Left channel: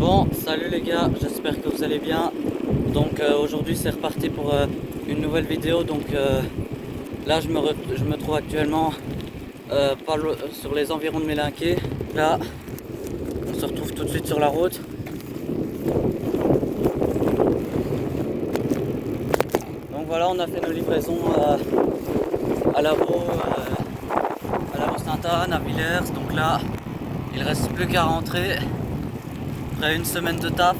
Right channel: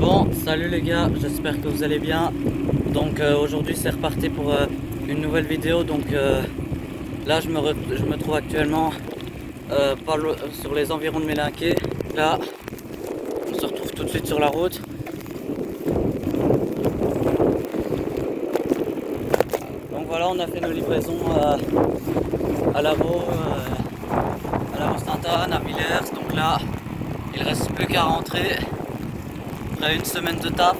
Bon, salut les gars, j'espère que vous allez bien. Donc aujourd'hui c'est reparti pour une nouvelle vidéo. Donc là je me trouve actuellement sur les environs de Mélinqué. Là, on se retrouve tout de suite sur la route. Donc voilà, on a fait nos livraisons à Lavaux, Sainte-Anne, à Villers. Donc là, il reste plus qu'à rentrer après une semaine de taf.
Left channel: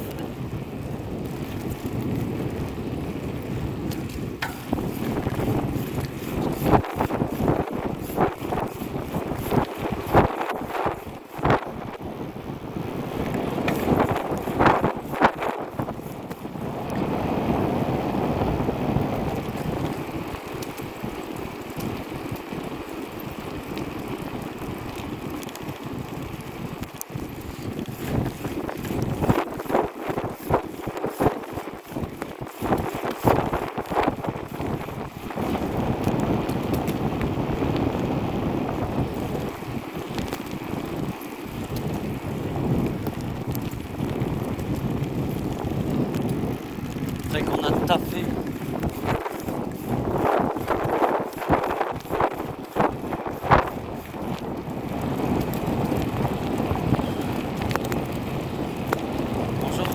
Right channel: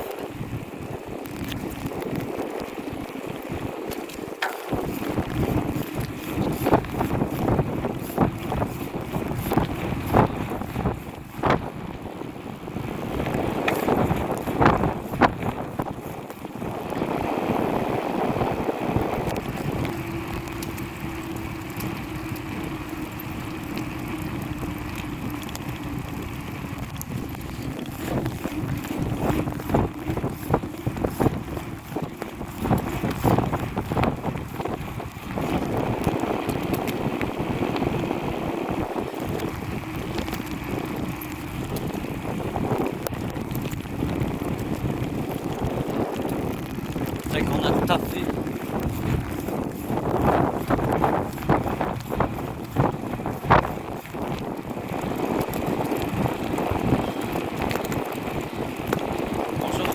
C'est qu'on a taffé. Bonjour.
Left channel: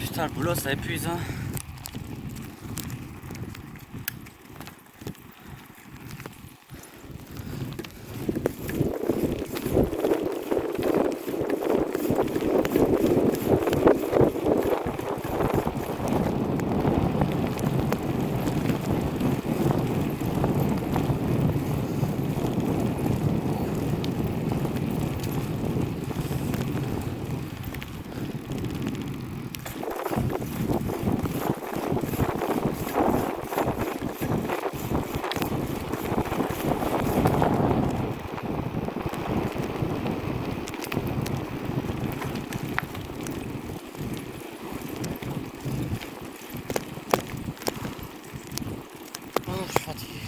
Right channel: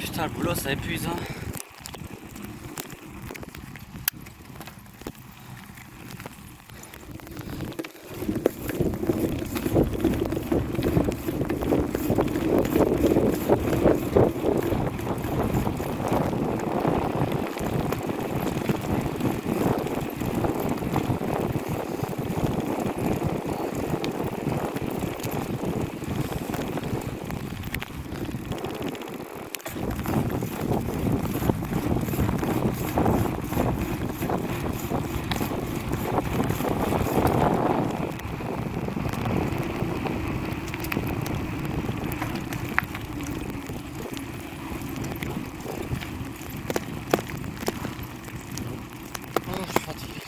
Putain, le boulot ça épuise, hein. Oh, je suis fatigué.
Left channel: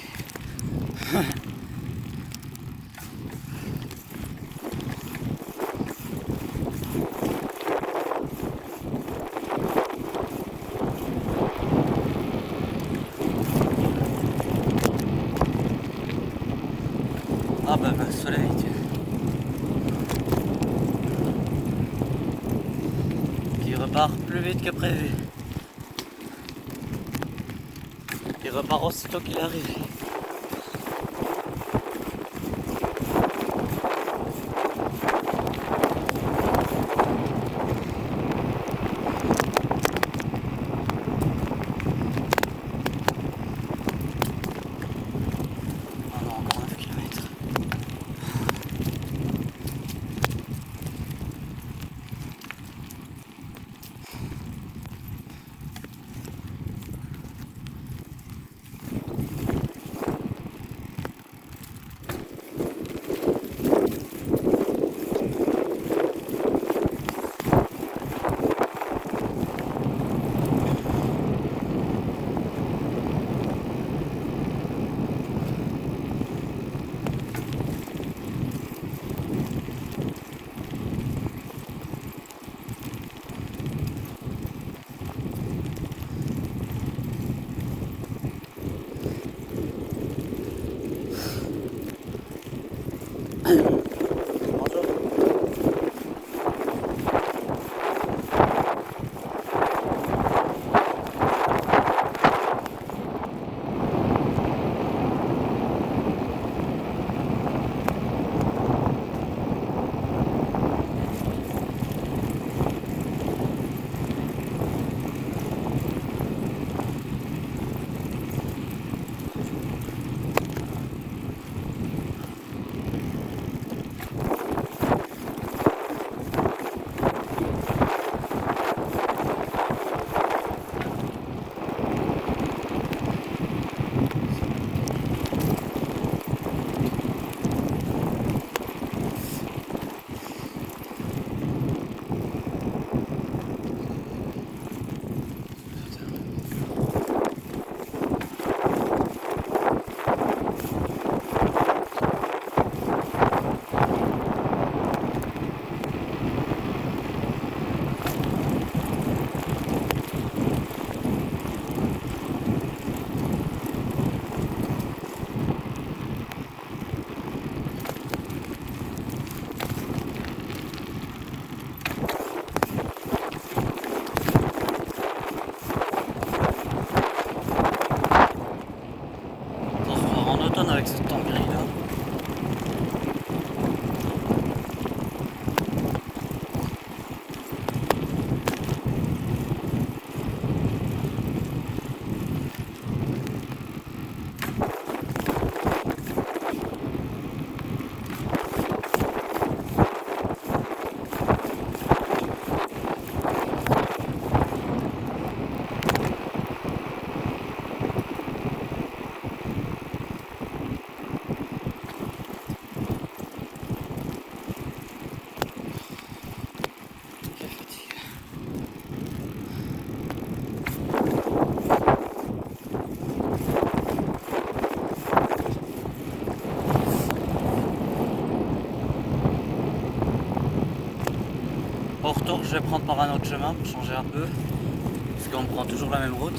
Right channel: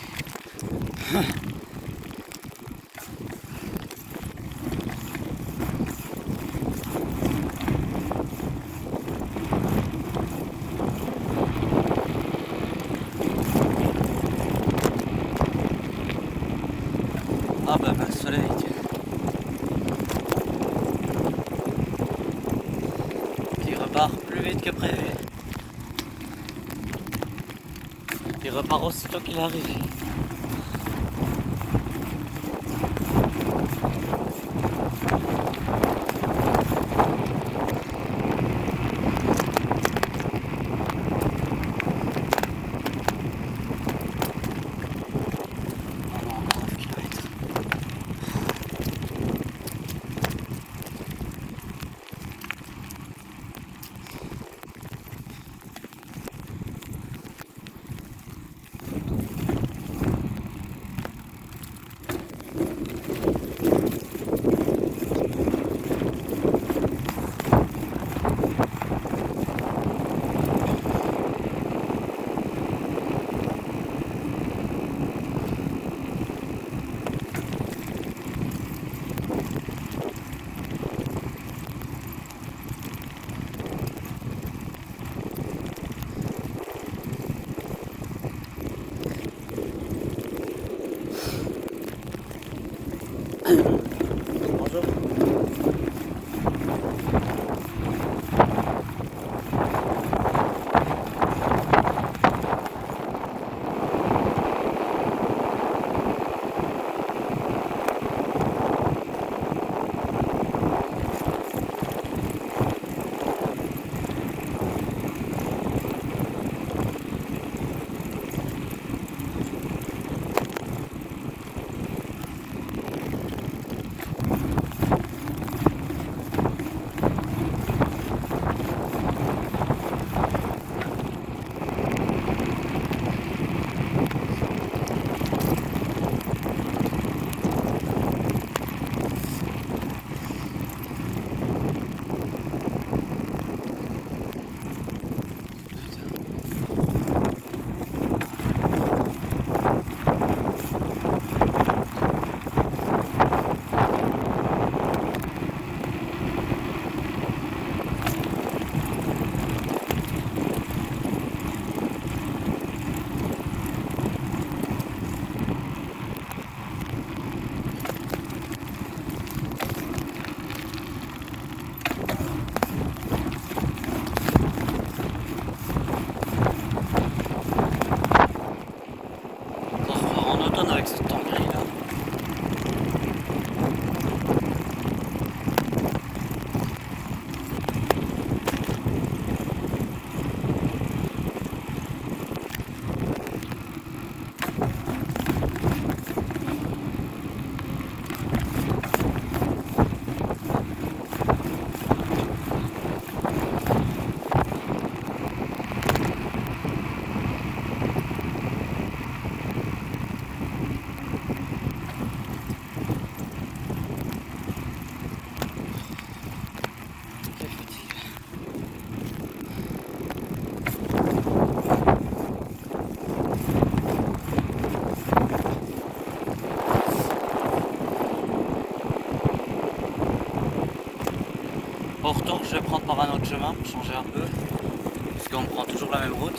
Ah bah, le soleil. Qui repart plus vite que prévu. Il repart aussitôt qu'il arrive. Ah non, encore 11 km. Au retour, je vais prendre par un autre chemin pour changer un peu, parce qu'on prend toujours la même route.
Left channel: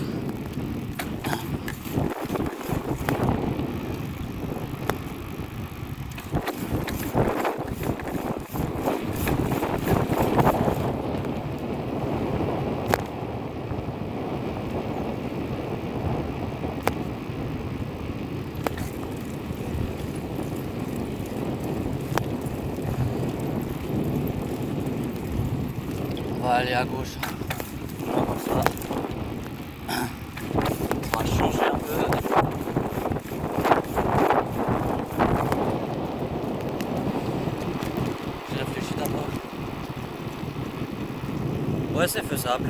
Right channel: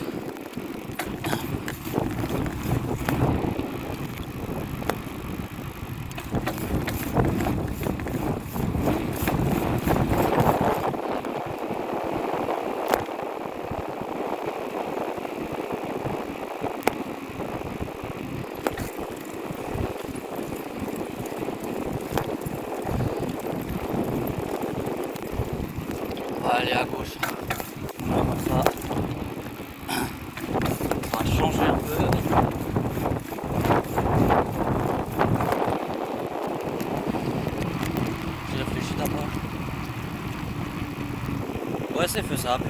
On va aller à gauche. Là, comme ça. On va changer un peu. J'ai réfléchi d'abord. Ouais, c'est faisable.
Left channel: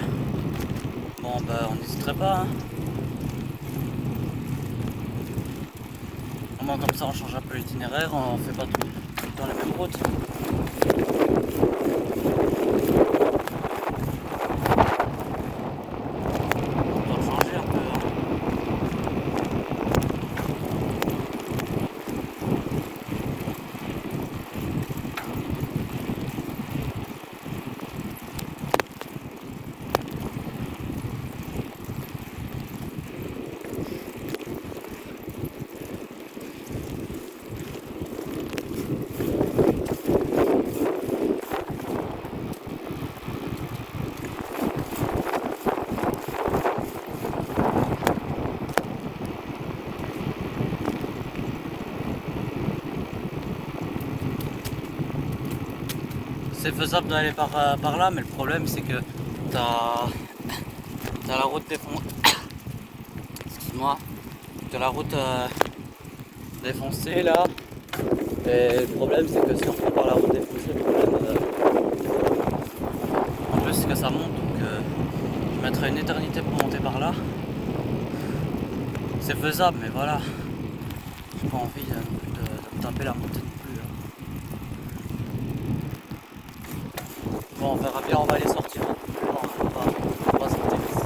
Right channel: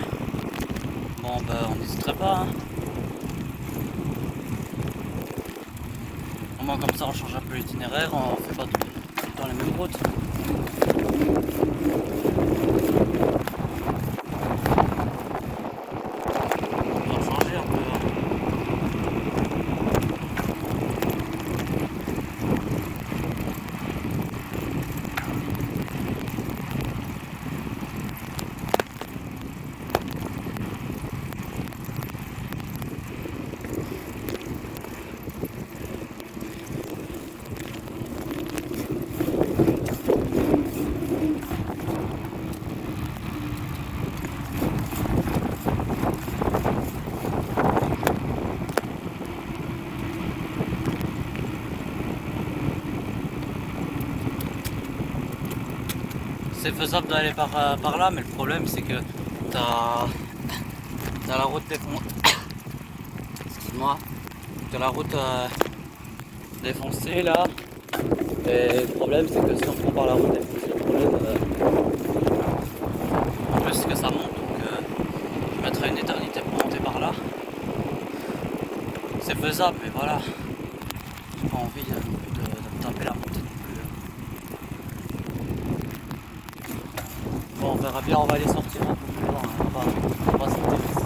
Bon, ben, on n'hésiterait pas. Hein. Au moins, comme ça, on change un peu l'itinéraire. On fait pas tout le temps les mêmes routes. C'est faisable d'aller par là, mais le problème c'est que t'as la route défoncée. Excuse-moi. T'as la route défoncée là. Et le problème c'est que si on prend par la route défoncée, le problème en plus c'est que ça monte, donc je mettrai une éternité pour monter par là. C'est faisable, mais voilà. J'ai pas envie de taper la montée non plus. Bon, on verra bien, on va aller sortir un peu plus loin. On va sortir ici.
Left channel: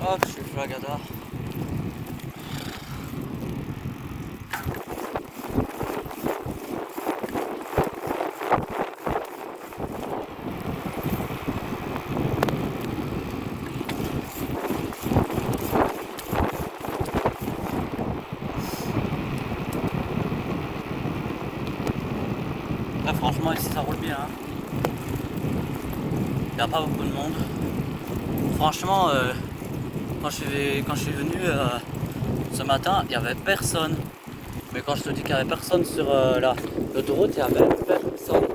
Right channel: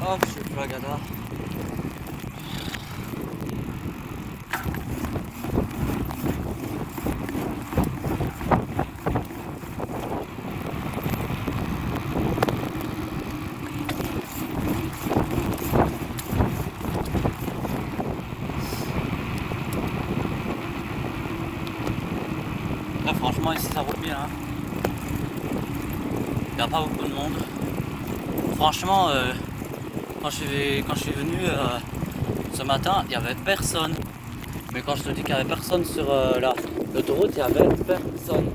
Hop, je suis le Flagada. Là, franchement, ici ça roule bien. Hein. Il n'y a pas beaucoup de monde. Franchement, quand je suis venu ce matin, il n'y avait personne. Mais quand je te dis qu'il n'y avait personne sur l'autoroute, il n'y avait personne.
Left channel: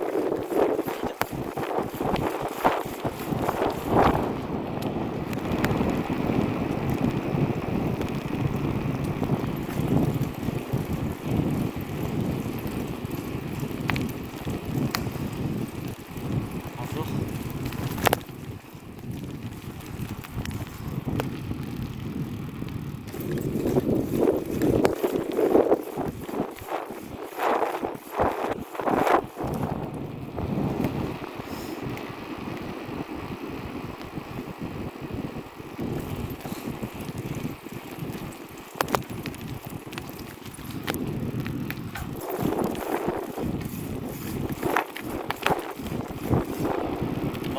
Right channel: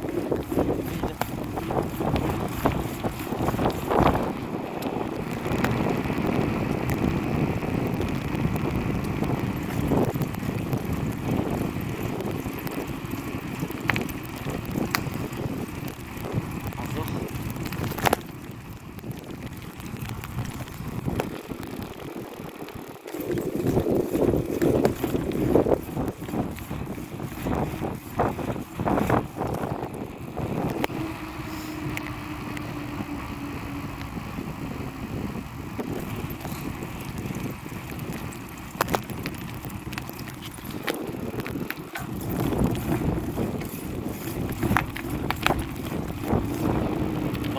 Bonjour.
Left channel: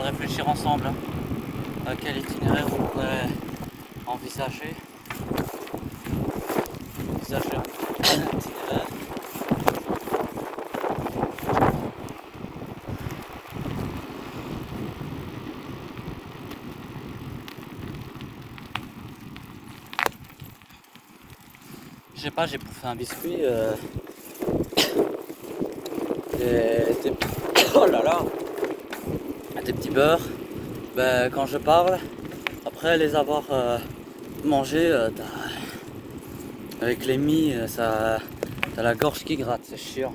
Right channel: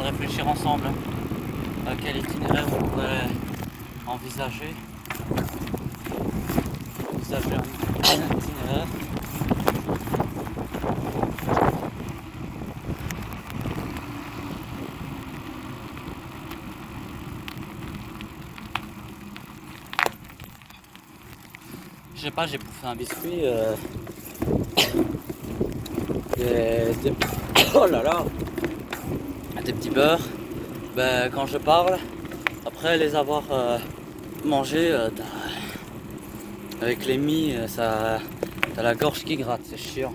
réfléchir ensemble à quel itinéraire on pourrait envisager. Envisager un itinéraire. Je sais pas, j'ai bouffé un biscuit. Oh là là, des petits beurres. Ben, quand je parle, après les avoir mangés, avec les mie, ça, t'as la gorge qui gratte, c'est chiant.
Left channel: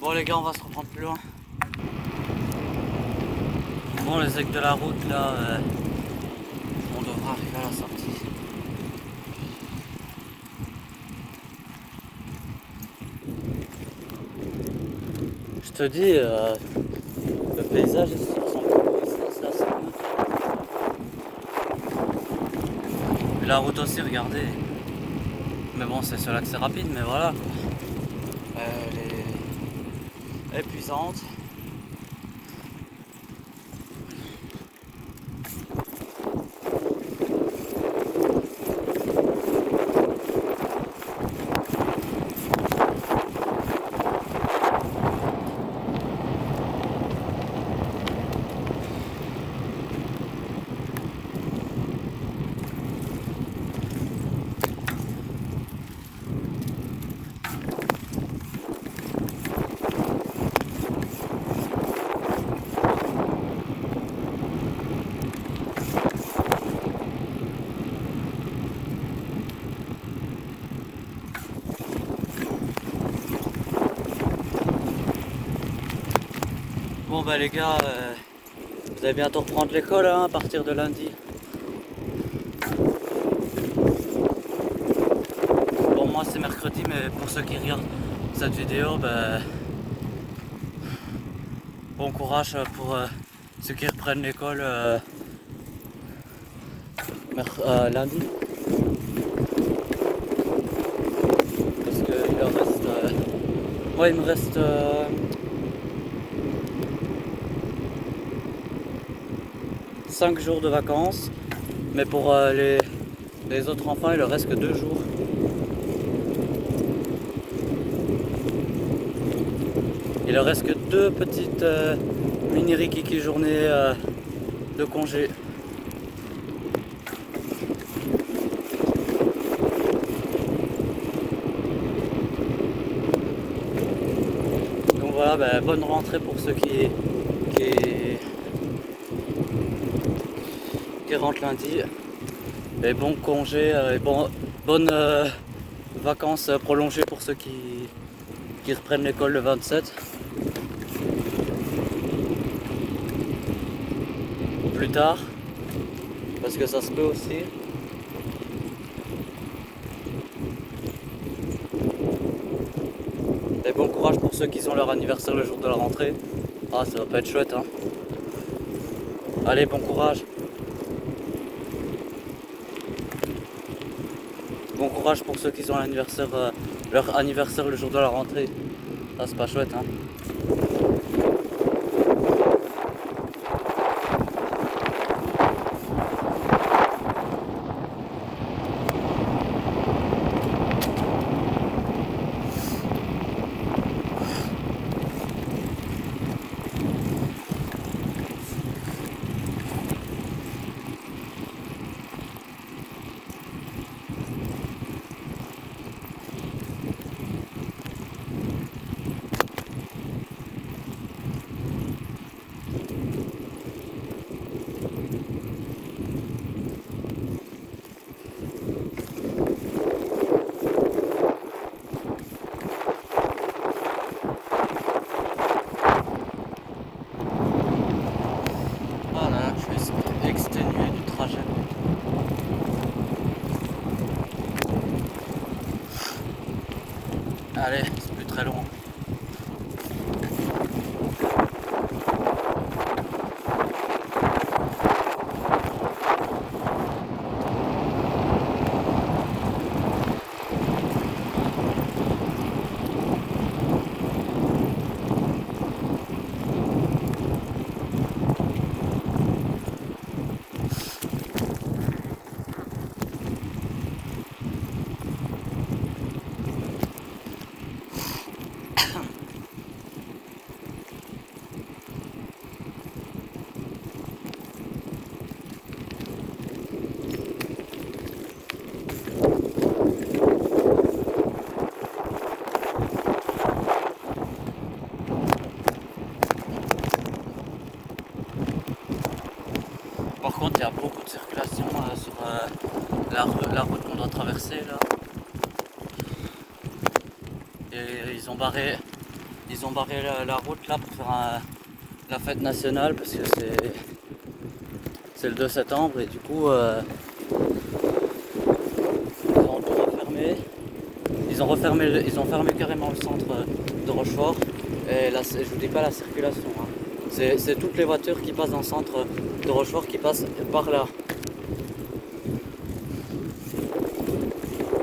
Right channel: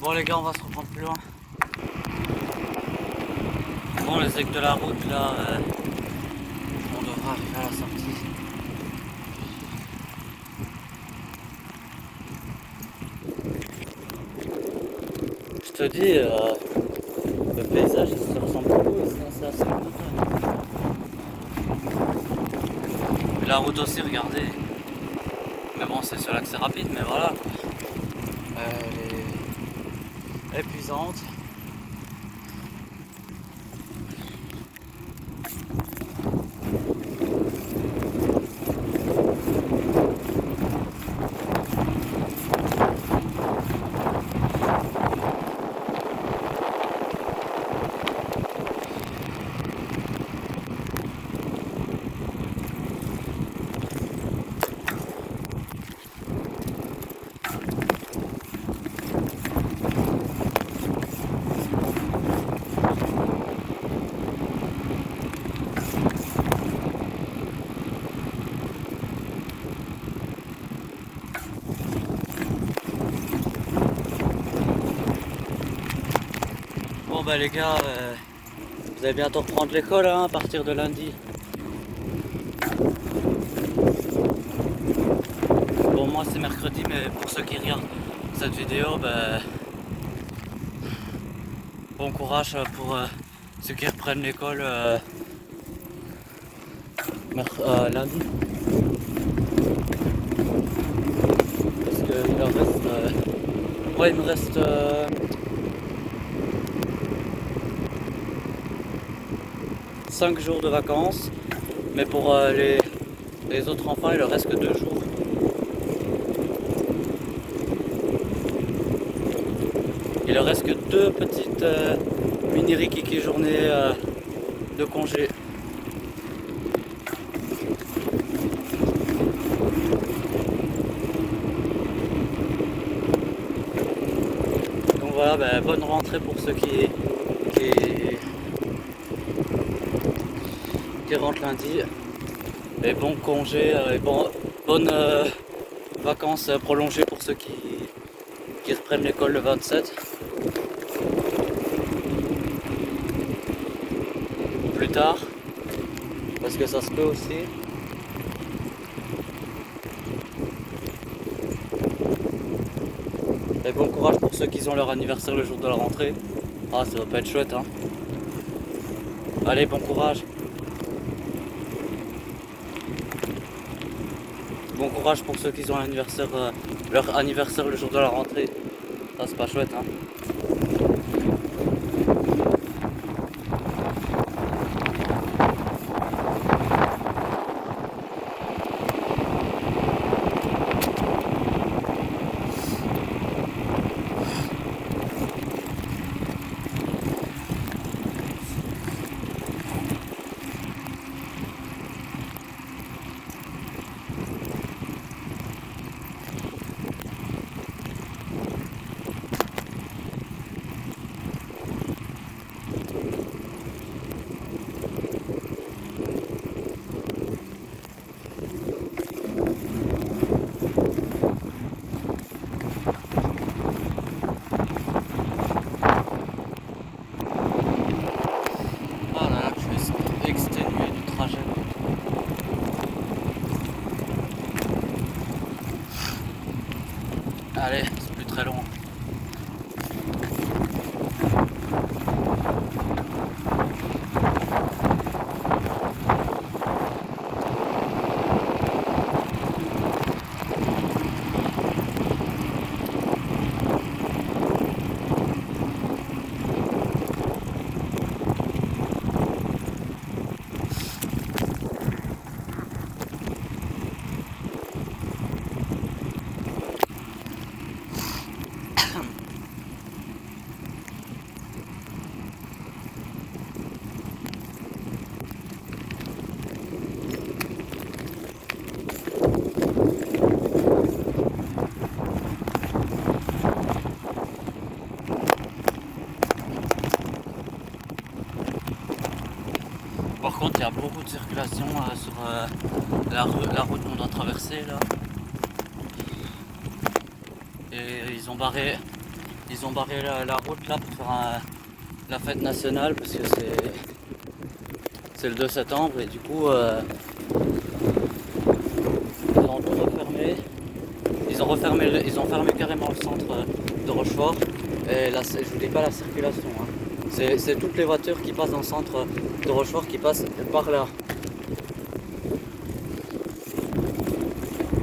Bon les gars, on va se reprendre plus loin. Bon, les aiguilles de la route là, on devra arriver à la sortie. Je te dis, le paysage ça ressemble beaucoup ici, c'est assez cool. Et la route aussi, regardez. Mais bon, c'est cela que c'est rapide, mais voilà. Elle est épuisante. Bon bah les gars, vous allez bientôt reprendre l'école hein, à partir de lundi. Bon moi c'est mercredi, mais pour ceux qui regardent cette vidéo, bah, bon courage pour ceux qui reprennent l'école lundi. Parce que il en reste, ouais, il me reste 5 jours de vacances, mais pour les autres enfants il leur reste que 2 jours. Il leur reste que 2 petites mini rikiki journées de congé. Donc voilà, ben, bonne rentrée pour ceux qui rentrent lundi. Et bon congé, et bonnes vacances prolongées pour ceux qui reprennent l'école le 27. Ou plus tard, parce que ça se peut aussi. Et bon courage pour ceux qui ont leur anniversaire le jour de la rentrée. Ah, ça va pas être chouette, hein. Allez, bon courage. Bon courage pour ceux qui ont leur anniversaire le jour de la rentrée. Ça, c'est pas chouette, hein. Allez, c'est plus très long. Par contre, il y a beaucoup de circulation sur la route qu'on doit traverser là. Et ils ont barré la route là pour faire la fête nationale parce que c'est le 2 septembre et du coup ils ont tout refermé. Ils ont fermé carrément le centre de Rochefort. Et là, je vous dis pas la circulation. Hein. C'est toutes les voitures qui passent dans le centre de Rochefort qui passent par là.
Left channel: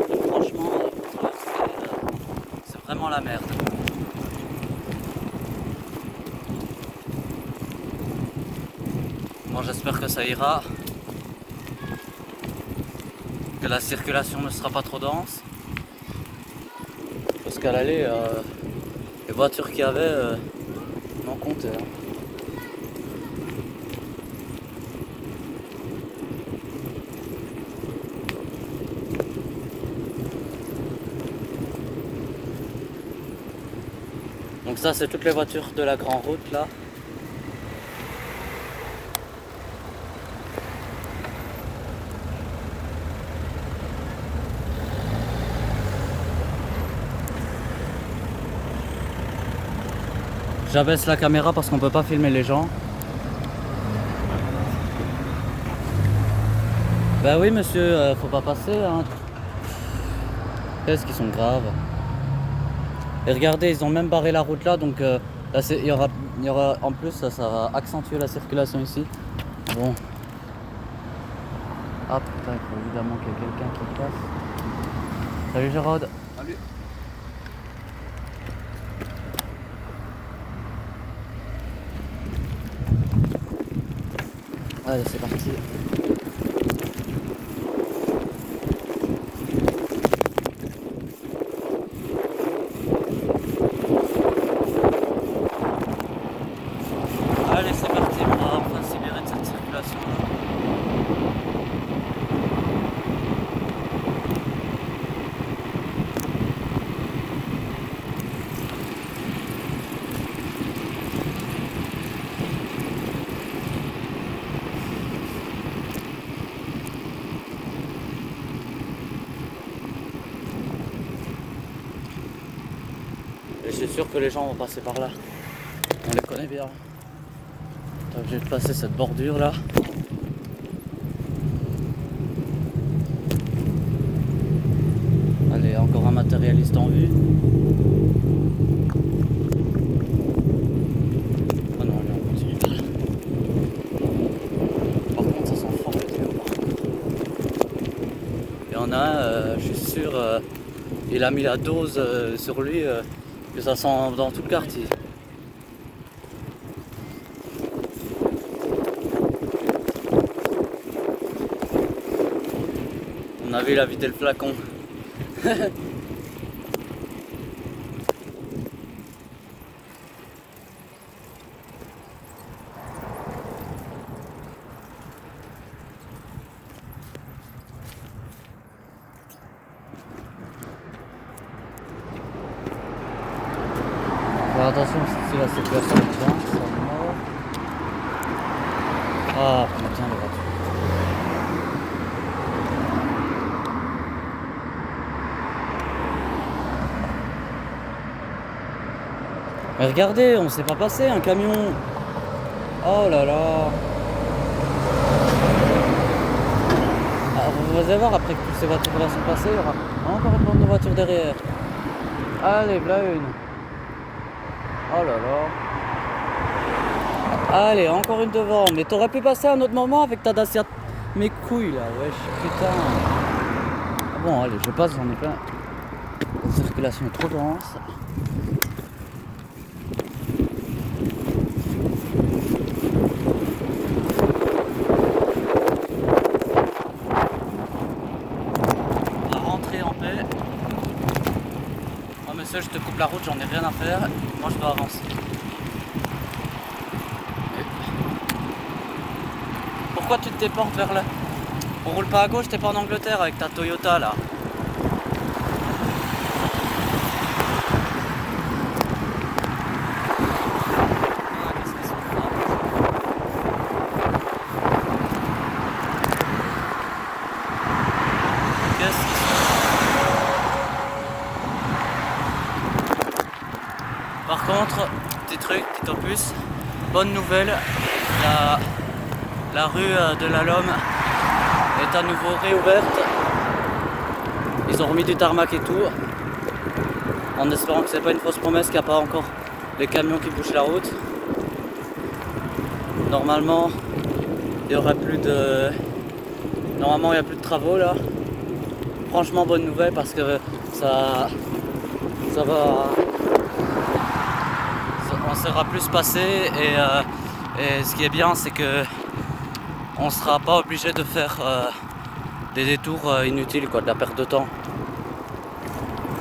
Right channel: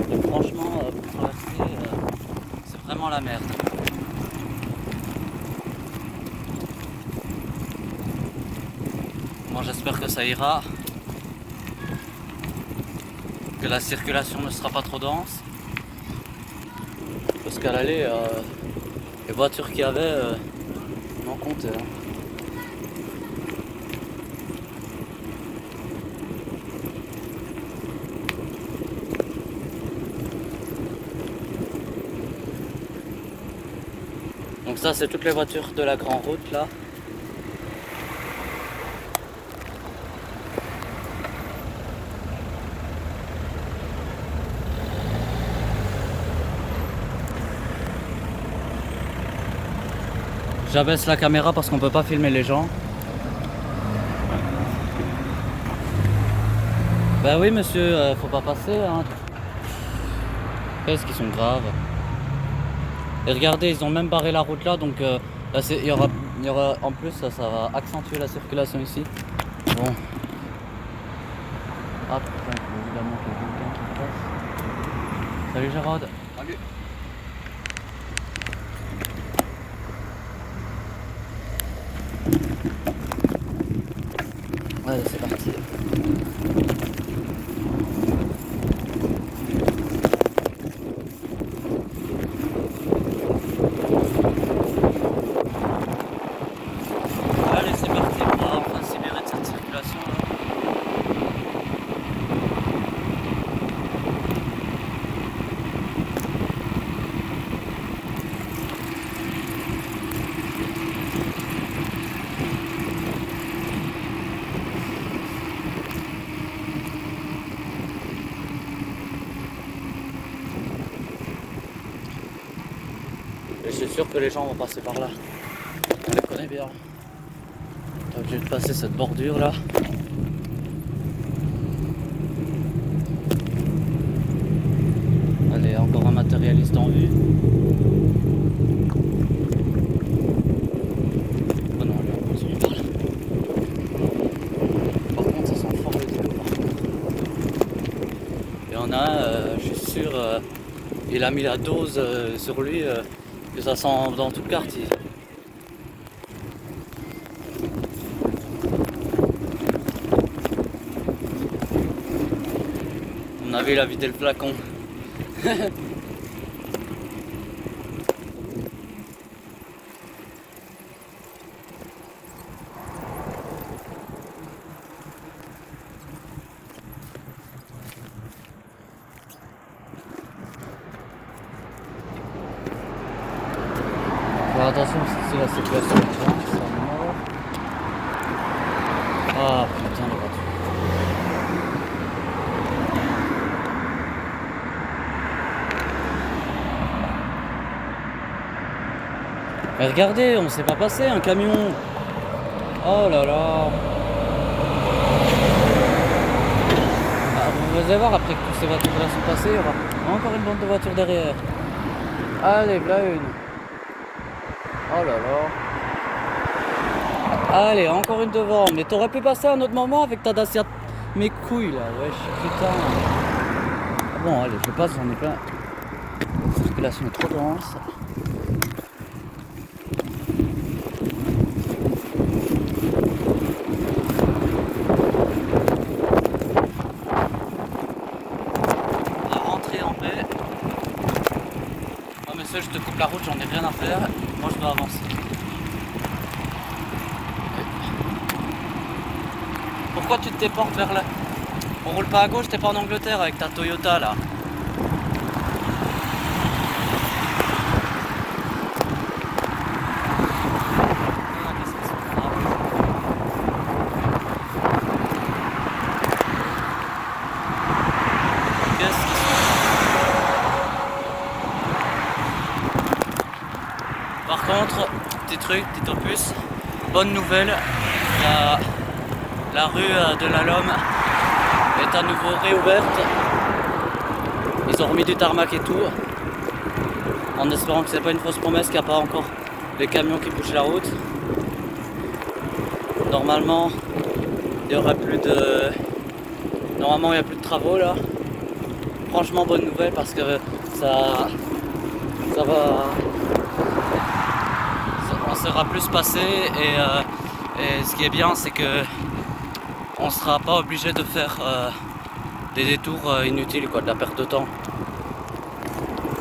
Et franchement, c'est vraiment la merde. Bon, j'espère que ça ira. Que la circulation ne sera pas trop dense. Parce qu'à l'aller, les voitures qu'il y avait, n'en comptaient. Hein. Donc ça, c'est toutes les voitures de la grande route là. J'abaisse la caméra parce qu'on peut pas filmer les gens. Bah oui monsieur, faut pas passer hein. Qu'est-ce qu'ils sont graves. Et regardez, ils ont même barré la route là, donc là il y aura en plus ça va accentuer la circulation ici. Bon. Ah putain, il faut évidemment que quelqu'un se passe. Salut Gérard. Salut. Allez, c'est parti. Allez, c'est parti, on va enfin se libérer de cette circulation là. Et je suis sûr que les gens vont passer par là. On les connaît bien. T'es obligé de passer cette bordure là. Allez, encore un matérialiste en vue. Oh non, là, on continue. Par contre, ça sent fort les yeux. Il y en a un, je suis sûr, il a mis la dose sur lui, que ça sent dans tout le quartier. On avait la vidé le flacon. Alors attention, si la circulation est bien, ça mort. Ah putain de voiture. Mais regardez, on s'est pas passé un camion. Oh là là. Alors vous allez voir, après que toutes ces voitures là sont passées, il y aura encore une bande de voitures derrière. Allez, voilà une. Oh là là. Allez, encore une devant. Mais t'aurais pu passer à un autre moment avec ta Dacia. Mes couilles là, ouais, putain. Ah bon, allez, je passe, j'en ai plein. La circulation est trop dense. On va rentrer en paix. Oh mais ça, je te coupe la route, j'en ai rien à faire. Moi, je dois avancer. Pourquoi tu te déportes vers là? On roule pas à gauche, t'es pas en Angleterre avec ta Toyota là. Qu'est-ce qu'ils sont là? Par contre, petit truc, petit opus, bonne nouvelle, la rue de la Lomme est à nouveau réouverte. Ils ont remis du tarmac et tout, en espérant que c'est pas une fausse promesse, qu'il n'y a pas encore des camions qui bouchent la route. Normalement, il y aura plus de... Normalement, il n'y a plus de travaux là. Franchement, bonne nouvelle parce que ça va... On sera plus passé et ce qui est bien, c'est que on sera pas obligé de faire des détours inutiles, quoi, de la perte de temps.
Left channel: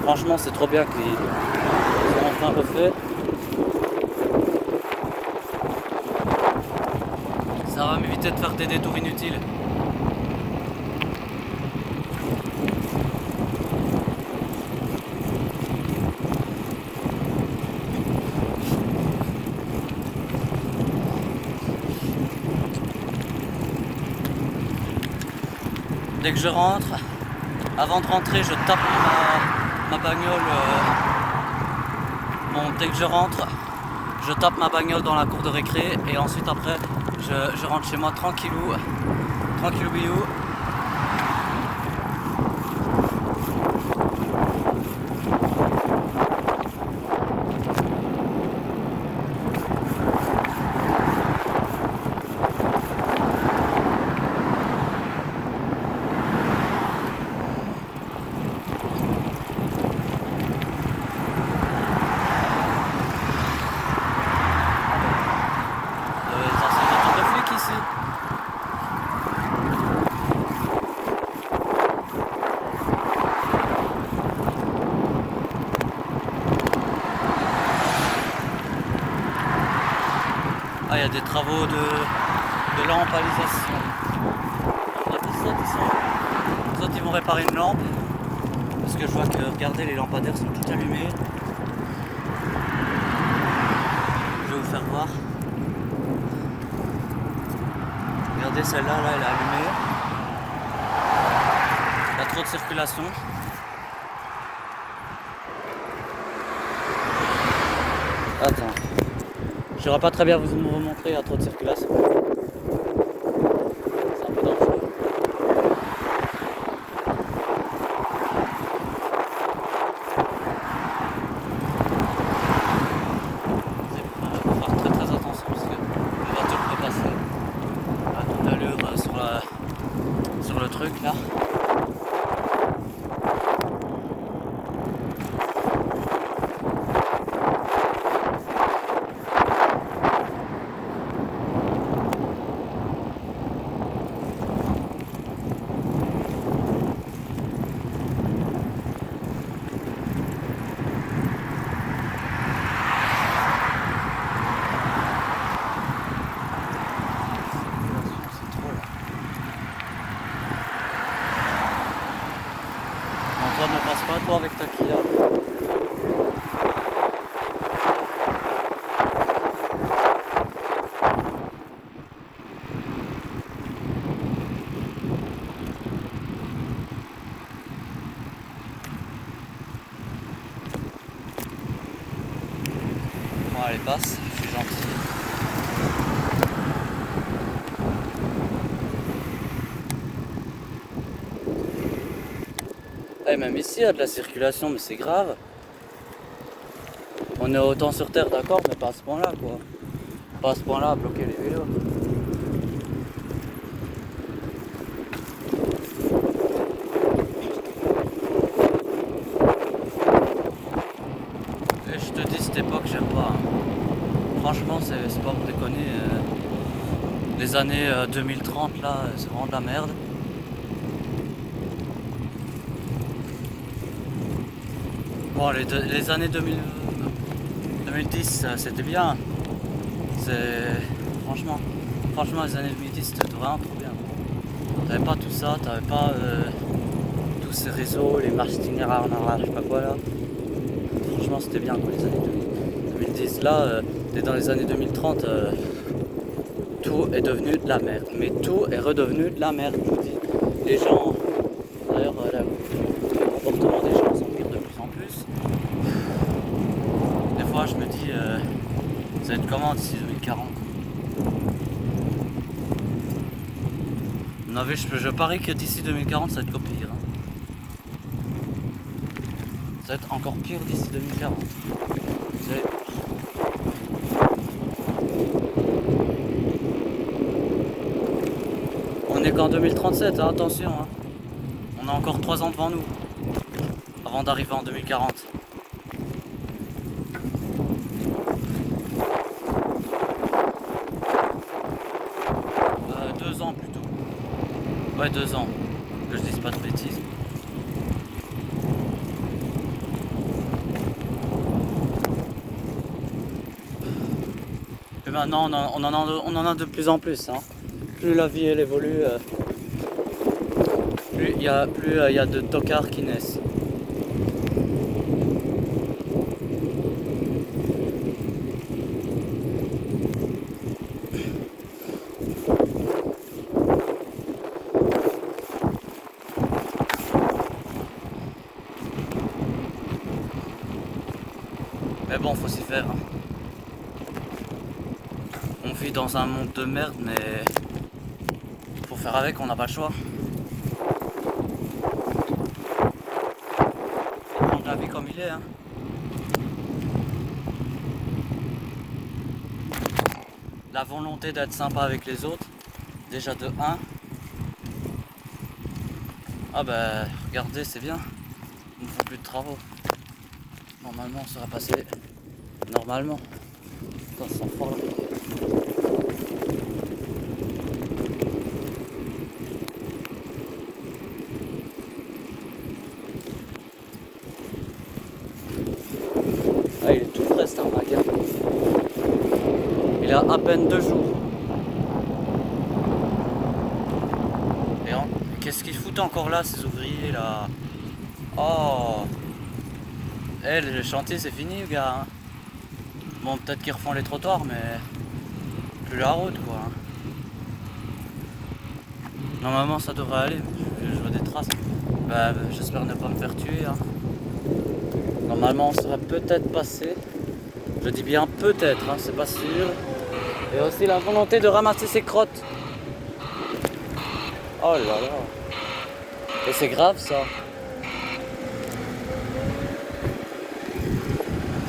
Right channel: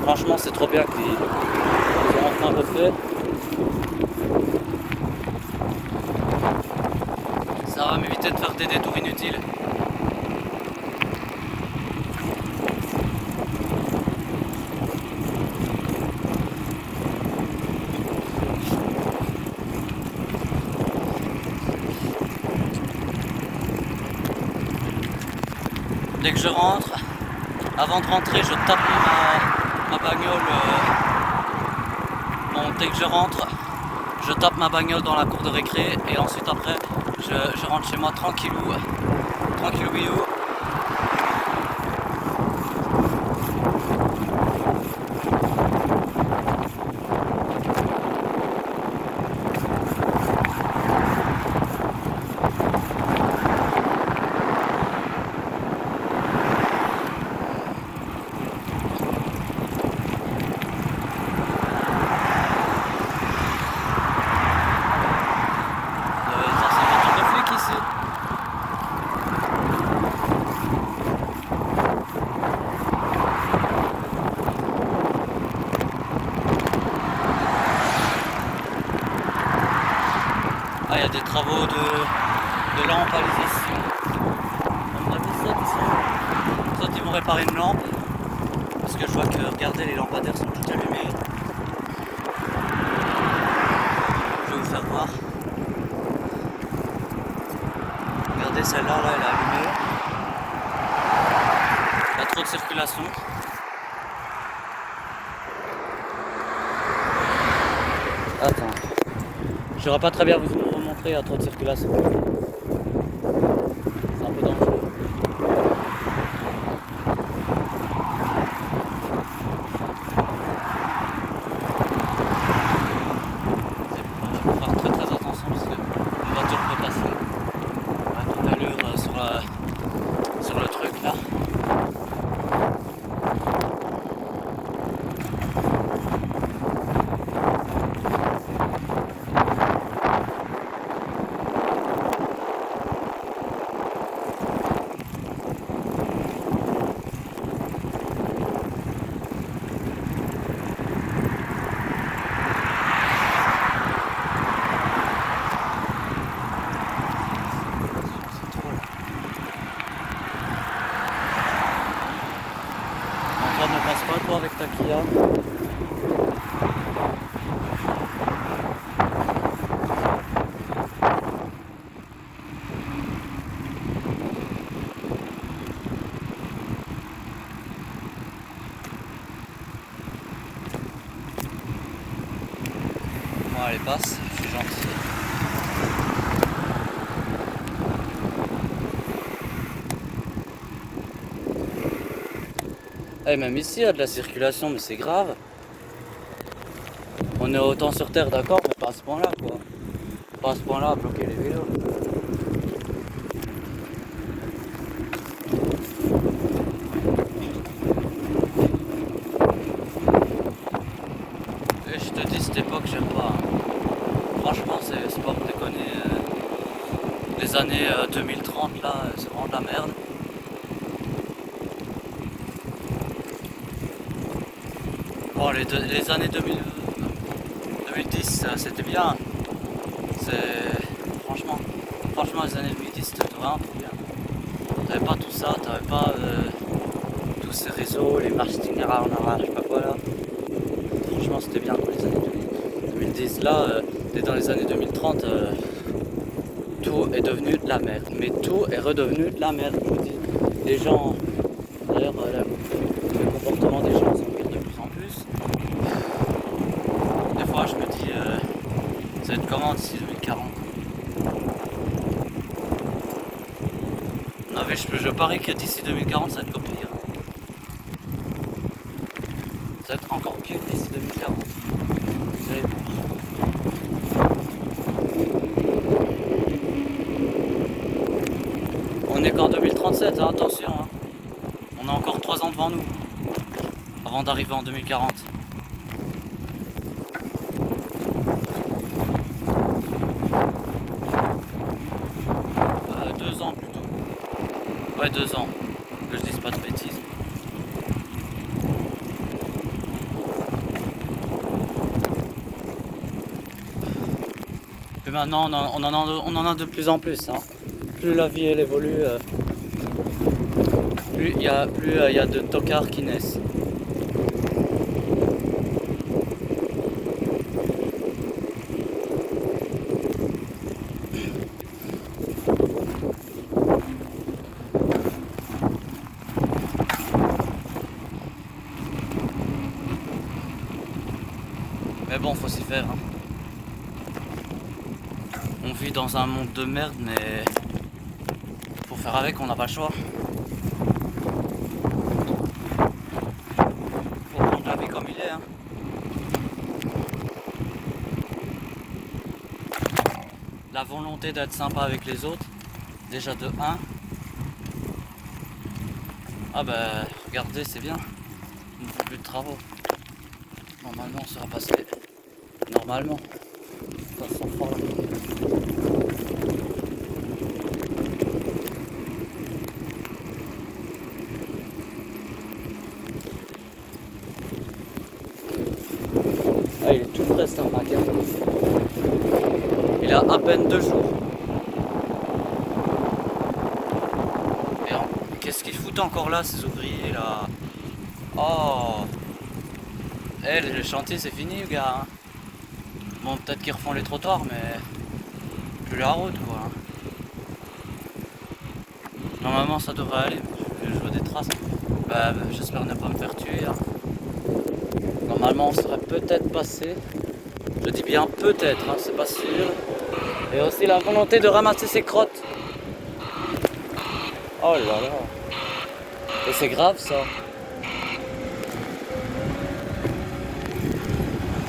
Franchement, c'est trop bien qu'ils ont enfin refait. Ça va m'éviter de faire des détours inutiles. Dès que je rentre, avant de rentrer, je tape ma bagnole. Bon, dès que je rentre, je tape ma bagnole dans la cour de récré et ensuite après, je rentre chez moi tranquillou, tranquillou. Ici. Ah, il y a des travaux de lampalisation. On a dit soit ils vont réparer une lampe, parce que je vois que, regardez, les lampadaires sont tout allumés. Je vais vous faire voir. Regardez, celle-là, là, elle est allumée. Il y a trop de circulation. Attends. Je n'aurais pas très bien vous montrer, il y a trop de circulation. C'est un peu dangereux. Il faut faire très attention parce que les voitures peuvent passer. À tout à l'heure sur le truc là. Toi, ne passe pas toi avec ta Kia. Bon, allez, passe, je suis gentil. Eh, même ici, il y a de la circulation, mais c'est grave. On est autant sur terre, d'accord, mais pas à ce point-là, quoi. Pas à ce point-là à bloquer les vélos. Et je te dis, cette époque, j'aime pas. Franchement, c'est pas pour déconner. Les années 2030, là, c'est vraiment de la merde. Bon, les années 2010, c'était bien. Franchement, les années 2010, c'était vraiment trop bien. T'avais pas tout ça, t'avais pas tous ces réseaux, les marches itinéraires en arrière, je sais pas quoi là. Franchement, c'était bien quoi, les années 2010. Là, et dans les années 2030, tout est devenu de la merde. Mais tout est redevenu de la merde. Je vous dis. Les gens, d'ailleurs, le comportement des gens sont de plus en plus. Des fois, je me dis, ça va être comment d'ici 2040? Je parie que d'ici 2040, ça va être encore pire. Ça va être encore pire d'ici 2040. Vous allez voir. On est qu'en 2037, hein, attention. Hein. On a encore 3 ans devant nous avant d'arriver en 2040. Euh, 2 ans plutôt. Ouais, 2 ans. Que je dise pas de bêtises. Et maintenant, on en a de plus en plus. Hein. Plus la vie elle évolue, plus il y a de tocards qui naissent. Mais bon, faut s'y faire. Hein. On vit dans un monde de merde, mais faut faire avec, on n'a pas le choix. On prend la vie comme il est. Hein. La volonté d'être sympa avec les autres, déjà de 1. Ah bah, regardez, c'est bien. Il ne faut plus de travaux. Normalement, on sera passé. Normalement. Ça sent fort là. Ah, il est tout frais ce magasin. Il a à peine 2 jours. Et qu'est-ce qu'ils foutent encore là, ces ouvriers là? Oh! Eh, le chantier c'est fini, les gars. Hein. Bon, peut-être qu'ils refont les trottoirs, mais plus la route quoi. Normalement, ça devrait aller. Je vois des traces. Bah, j'espère ne pas me faire tuer. Hein. Normalement, on serait peut-être passé. Je dis bien peut-être, hein, c'est pas sûr. Et aussi la volonté de ramasser ses crottes. Oh là là. Et c'est grave ça.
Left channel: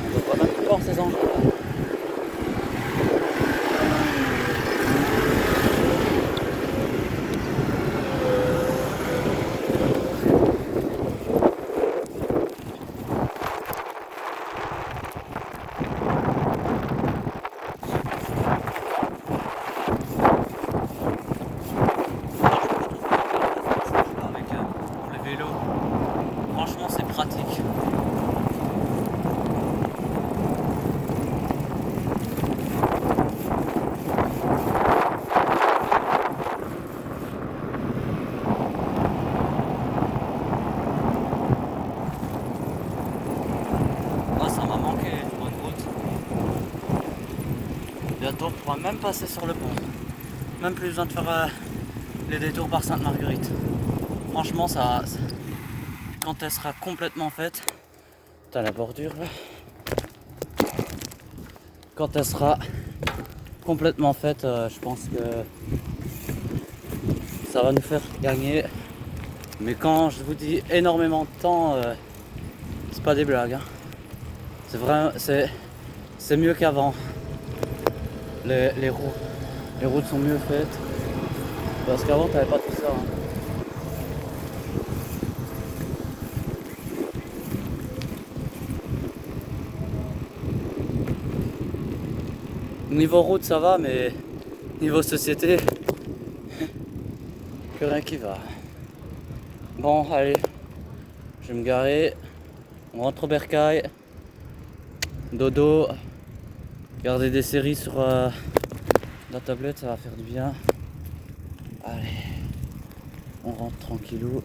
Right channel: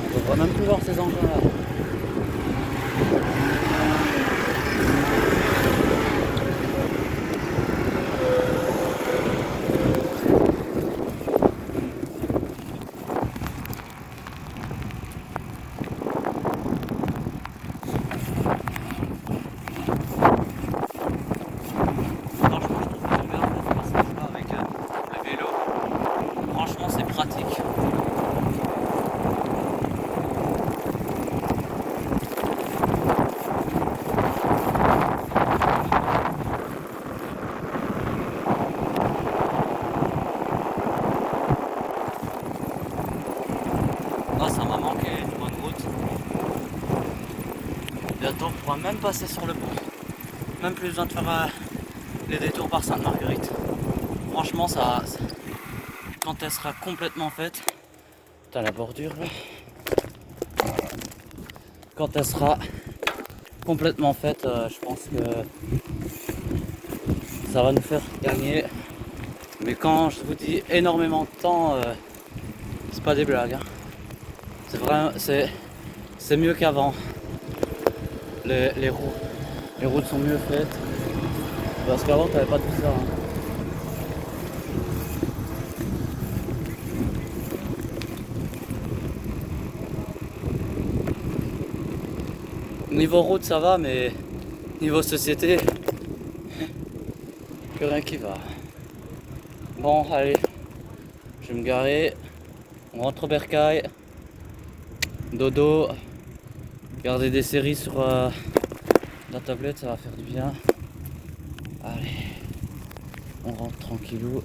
On ne peut même plus voir ses enfants. Franchement, c'est pratique. Oh, ça m'a manqué, tu vois, de route. Bientôt, on pourra même passer sur le pont. Même plus besoin de faire les détours par Sainte-Marguerite. Franchement, quand elle sera complètement faite, t'as la bordure là. Quand elle sera complètement faite, je pense que ça va nous faire gagner. Mais quand je vous dis énormément de temps, c'est pas des blagues. Hein. C'est vrai, c'est mieux qu'avant. Les roues. Les routes sont mieux faites. Parce qu'avant, t'avais pas tout ça. Hein. Niveau route, ça va, mais niveau société, plus rien qui va. Bon, allez, je vais me garer. On rentre au bercail. Dodo. Regarder des séries sur la tablette, ça va faire du bien. Allez, on rentre tranquillou.